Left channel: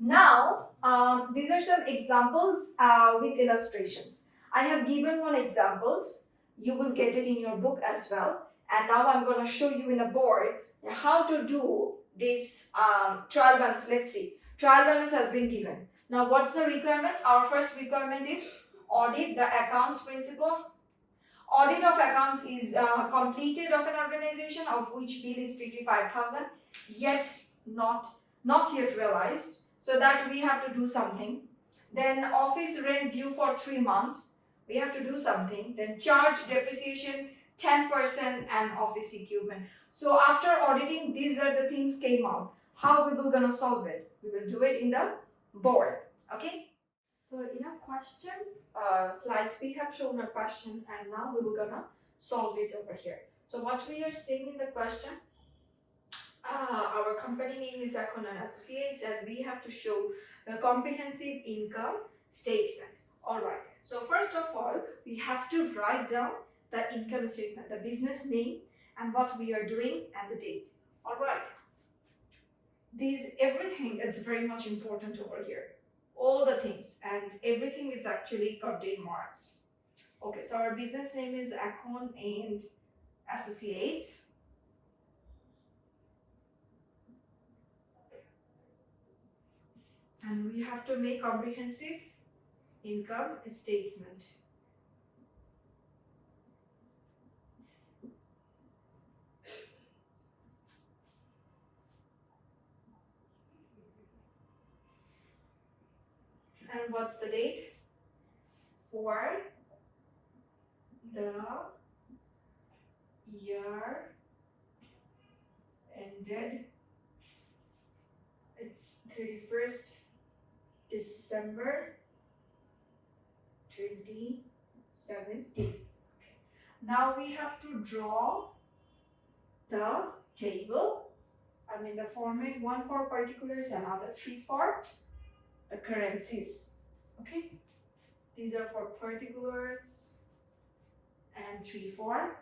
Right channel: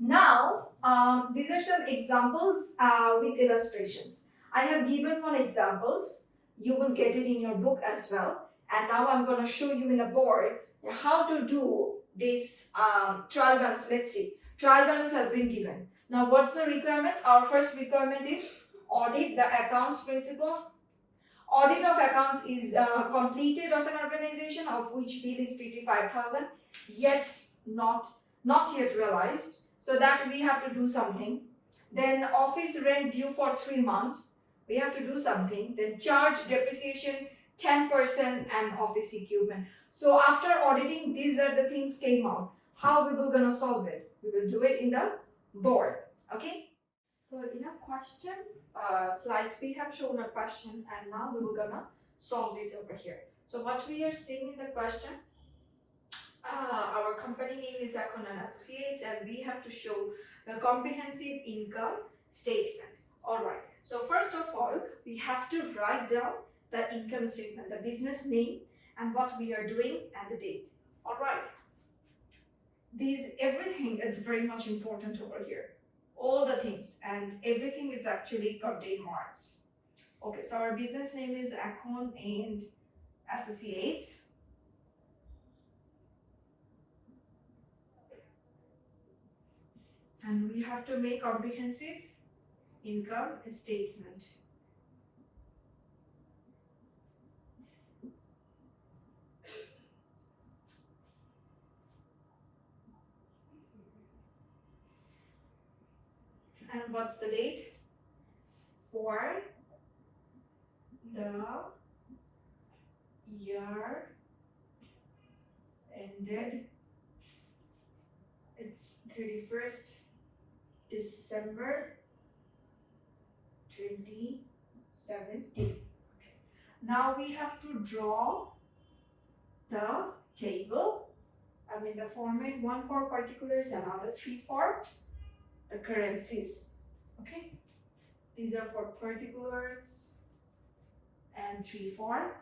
Now, these are some examples with illustrations. I have given one examples. You will get it in your book as well. And now I'm going to show you in a board how to do this trial balance. Let's see. Trial balance has been given. Now, what's the requirement? Our first requirement is audit the accounts principle. Audit of accounts is completed of an organization of which bill is 55,000 yet not yet realized. So that we have to do something. Then office rent due for 3 months. We have to do something. Then charge depreciation 10% and office equipment. So after auditing, these are the things came out. How we will gonna solve it? We will do it in the board. Okay. So in a question slides, we have shown a question and now we will gonna solve it over here. So what we are seeing in the question, our company name is Akter and Associates and we have to show the comprehensive income statement. Alright, so first of all, we have to write down the income statement, the business name and what we are doing and the date. Alright, everything is very much important over here. All the things and everything is actually contain marks. Okay, so our business name is Akter and Associates. And we have to make comprehensive income statement. And what's the date? For the year ended, it's 31st December 2017. Now we have to draw the table. I mean the format, one for particulars, another three for the currencies. Okay, these are for particulars and three for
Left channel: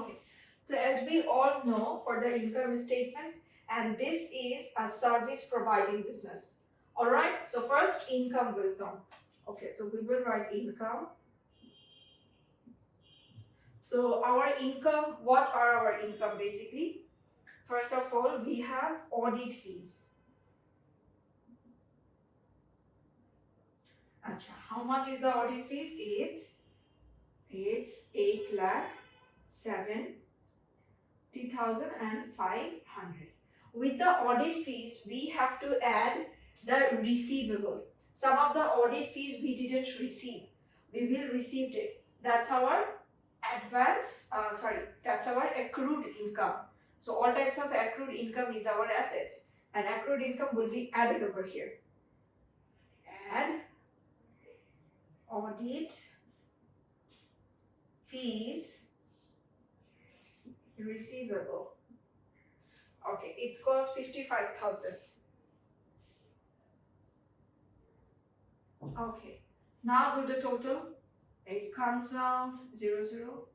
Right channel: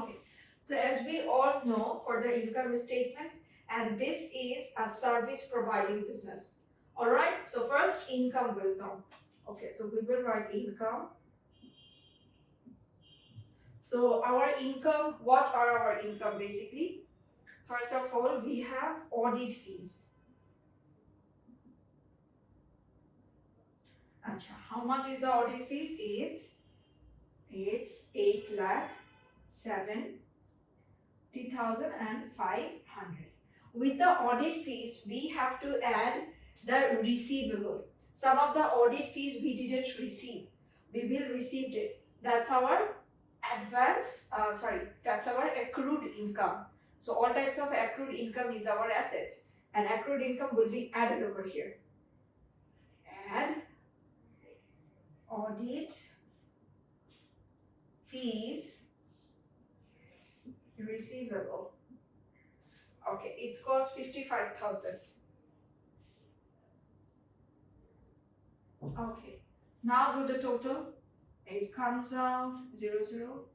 okay. So as we all know, for the income statement, and this is a service providing business. All right, so first income will come. Okay, so we will write income. So our income, what are our income basically? First of all, we have audit fees. Achha, how much is the audit fees? It's 8,70,500. With the audit fees, we have to add the receivable. Some of the audit fees we didn't receive. We will receive it. That's our that's our accrued income. So all types of accrued income is our assets. And accrued income will be added over here. Add audit fees receivable. Okay, it costs 55,000. Okay, now do the total. It comes out 00.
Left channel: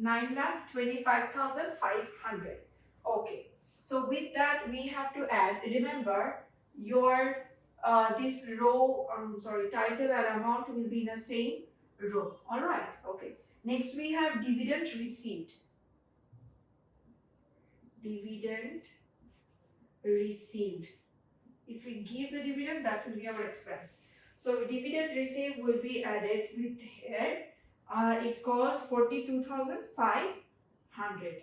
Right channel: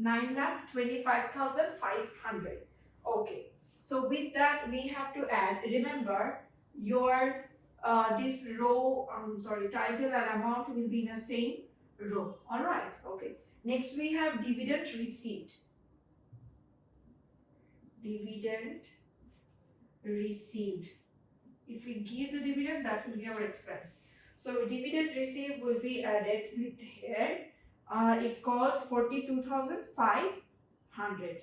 9,25,500. Okay, so with that we have to add. Remember, your this row, title and amount will be in the same row. All right. Okay. Next we have dividend received. Dividend received. If we give the dividend, that will be our expense. So dividend received will be added with here. It costs 42,500.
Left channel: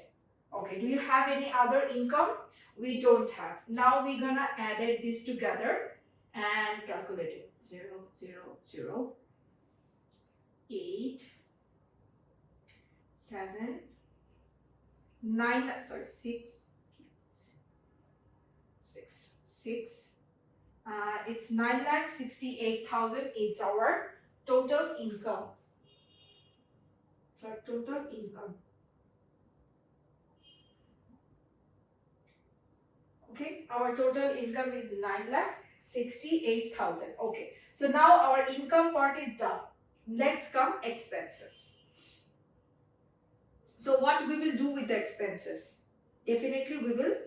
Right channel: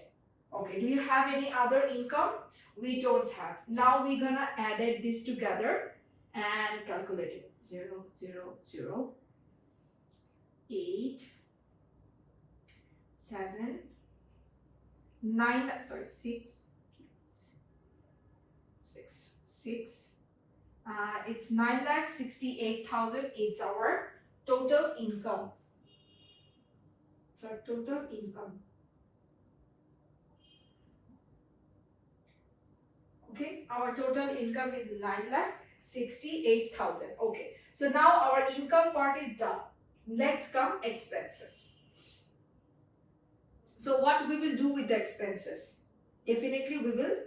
Okay, do you have any other income? We don't have. Now we're gonna add this together and calculate it. 0, 0, 0, 8, 7, 9, 6, 6. It's 9,68,000. It's our total income. It's our total income. Okay, our total income is 9,68,000. Okay, so now our income part is done. Next come expenses. So what we will do with the expenses? Definitely we will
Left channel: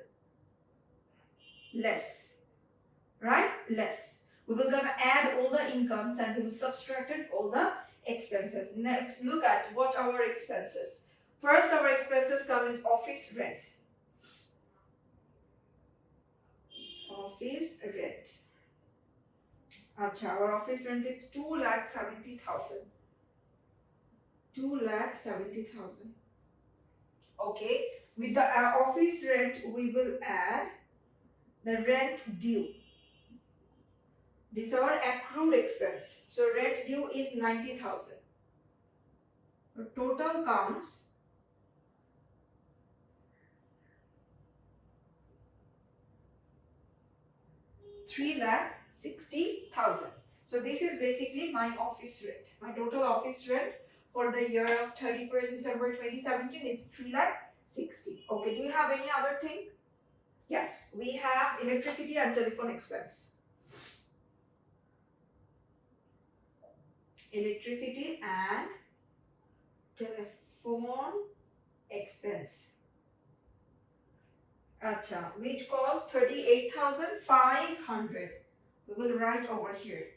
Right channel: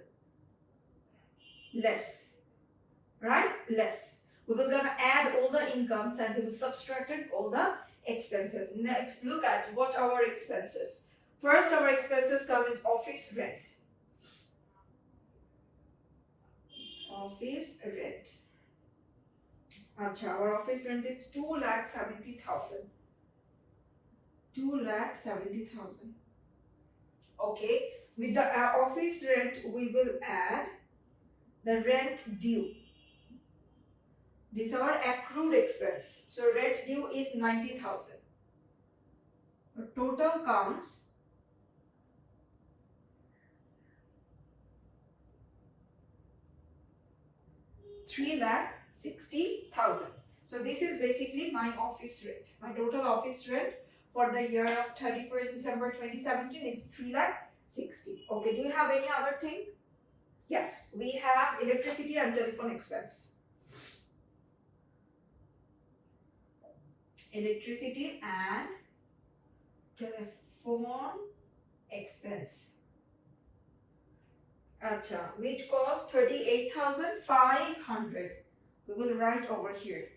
less, right? Less. We will gonna add all the incomes and we will subtract all the expenses. Next, look at what our expenses. First, our expenses come is office rent. Office rent. Acha, our office rent is 2,70,000. 2,70,000. Okay, with the office rent, we will add the rent due. This is our accrued expense. So rent due is 90,000. The total comes 3,60,000. So this is basically my office rent. My total office rent for the year of 31st December 2017 is 3,60,000. Okay, do you have any other thing? Yes, we have electricity and telephone expense. Electricity and telephone expense. Acha, which costs 38,500. We will write over here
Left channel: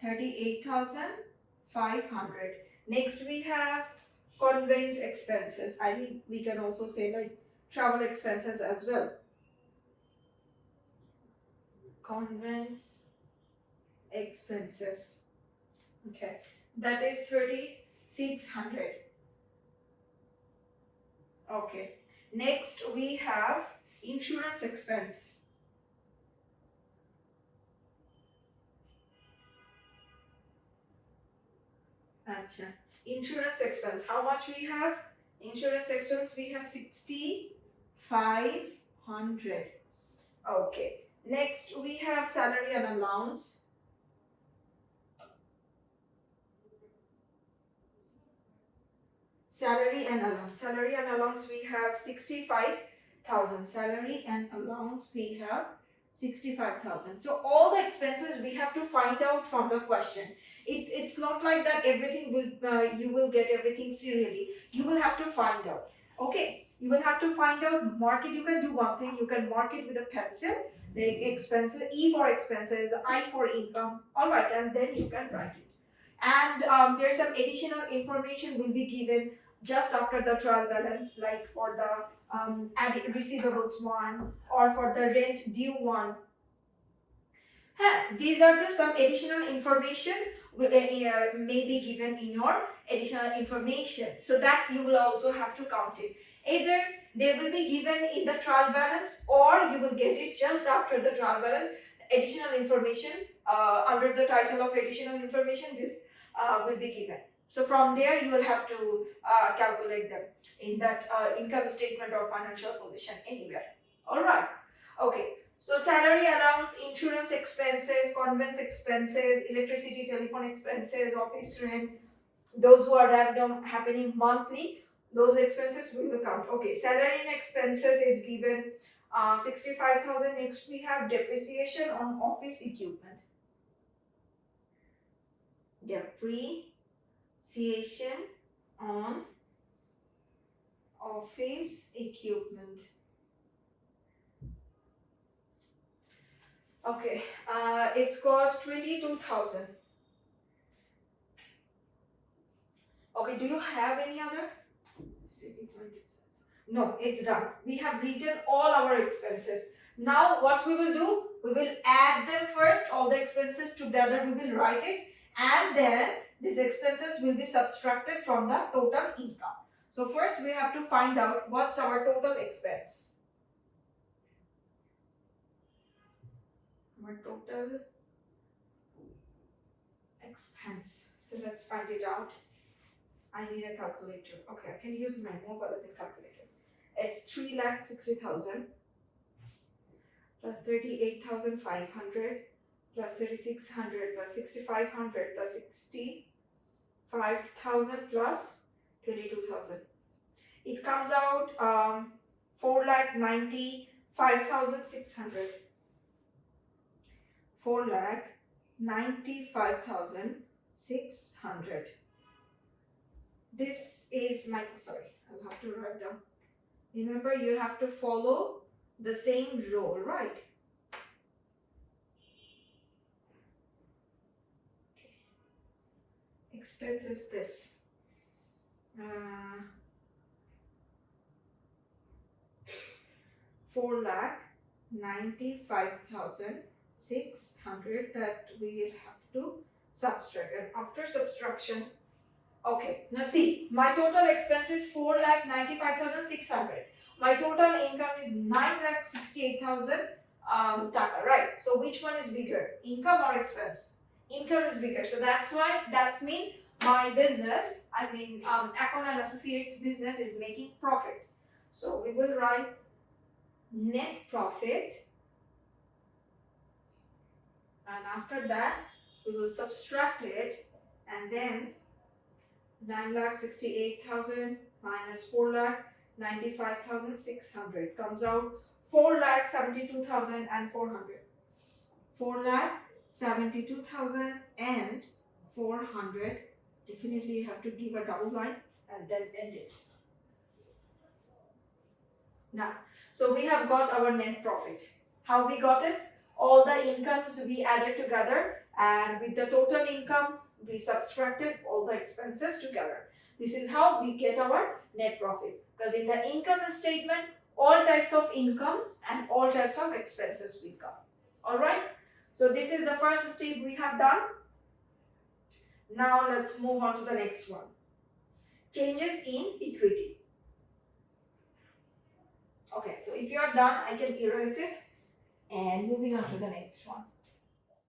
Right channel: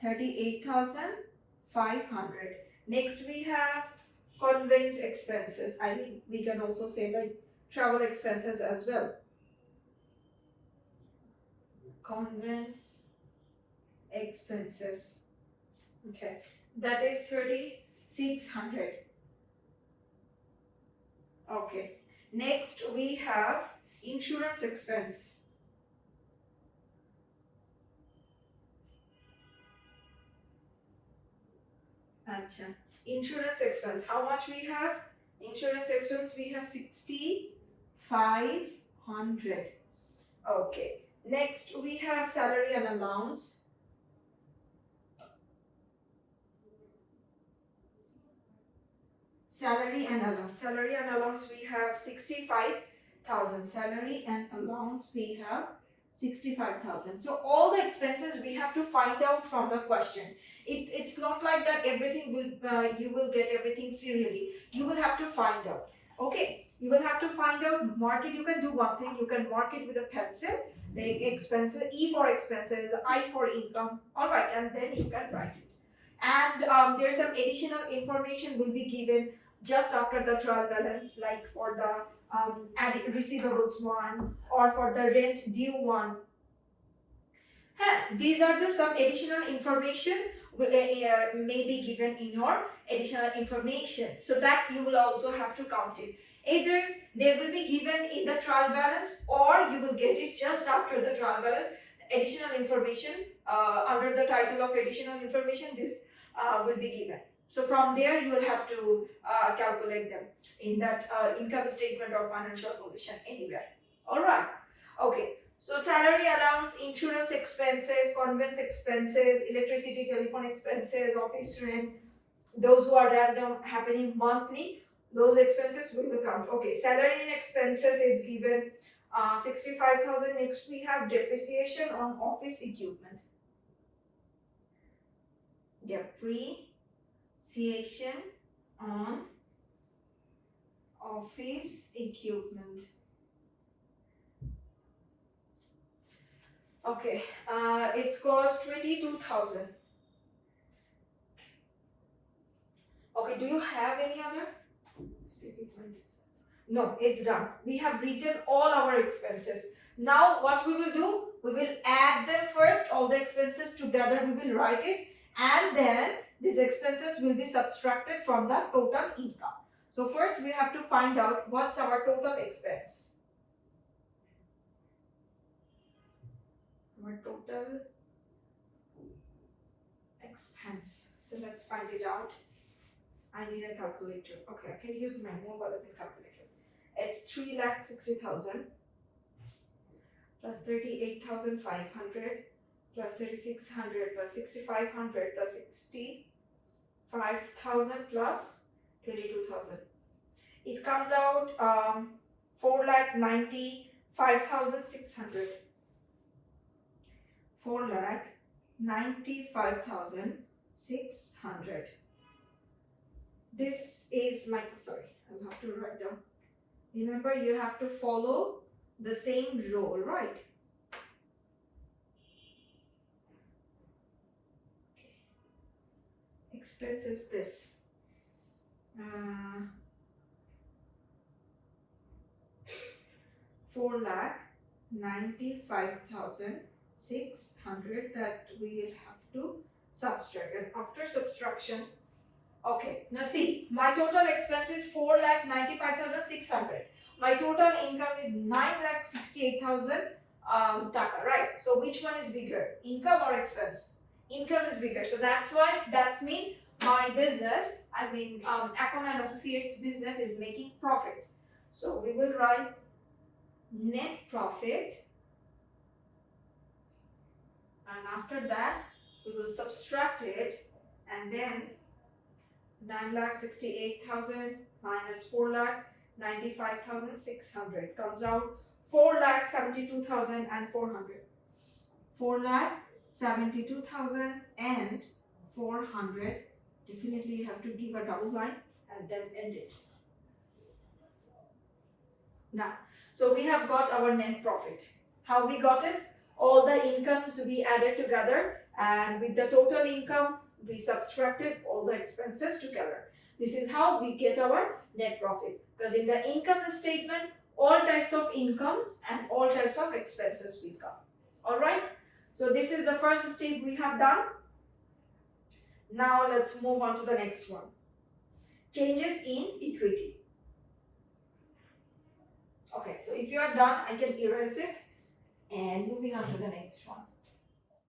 38,500. Next we have conveyance expenses. I mean, we can also say like travel expenses as well. Conveyance expenses. Okay, that is 3,600. Okay, next we have insurance expense. Acha. Insurance expense. How much we have? Insurance expense we have 6,500. Okay. Next we have salary and allowance. Salary and allowance. Salary and allowance we have 65,000. Salary and allowance we have 65,000. So all the expenses we have to find out from the question. It's not like that everything will you will get everything serially. You will have to find out. Okay, you will have to find out. Mark it. You can do one thing. You can mark it with a pencil. Like expenses, E for expenses, I for income. All right, and then you can write it. And there's some additional information will be given just after the trial balance, like for the receivables one or for the rent due one. These are just some additional information may be given in your additional information, so that you will also have to count it. Either they will be given in the trial balance or you will get it just after the trial balance. Additional information under the title of additional information, this will be given. So from there you will have to calculate them in that income statement or financial position anywhere. Alright, okay. So salary allowance, insurance expenses, conveyance expenses, electricity, telephone expenses, office rent, those who are random happening monthly, those expenses will count. Okay, salary and expenses is given 65,000. Next we have depreciation on office equipment. Depreciation on office equipment. Okay, it costs 22,000. Okay, do you have any other? No, it's done. We have written all our expenses. Now what we will do? We will add them first, all the expenses together we will write it, and then these expenses will be subtracted from the total income. So first we have to find out what's our total expense. Our total expense. So let's find it out. I need a calculator. Okay, I can use my mobile as a calculator. It's 3,60,000 plus 38,500 plus 3,600 plus 6,500 plus 65,000 plus 22,000. It comes out 4,95,600. 4,95,600. This is my, sorry, I'll have to write down. Remember, you have to follow the same rule, right? Expense is this. 4,95,600 that we will have to subtract. And after subtraction, okay, now see, my total expense is 4,95,600. My total income is 9,68,000 taka, right? So which one is bigger, income or expense? Income is bigger. So that's why, that's mean my business, Akon and Associates business is making profit. So we will write net profit, and after that we will subtract it, and then 9,68,000 minus 4,95,600 comes out 4,72,400. 4,72,400. Definitely you have to give a double line and then end it. Now, so we have got our net profit. How we got it? All the incomes we added together, and with the total income we subtracted all the expenses together. This is how we get our net profit, because in the income statement all types of incomes and all types of expenses will come. Alright, so this is the first step we have done. Now let's move on to the next one. Changes in equity. Okay, so if you are done, I can erase it and moving on to the next one.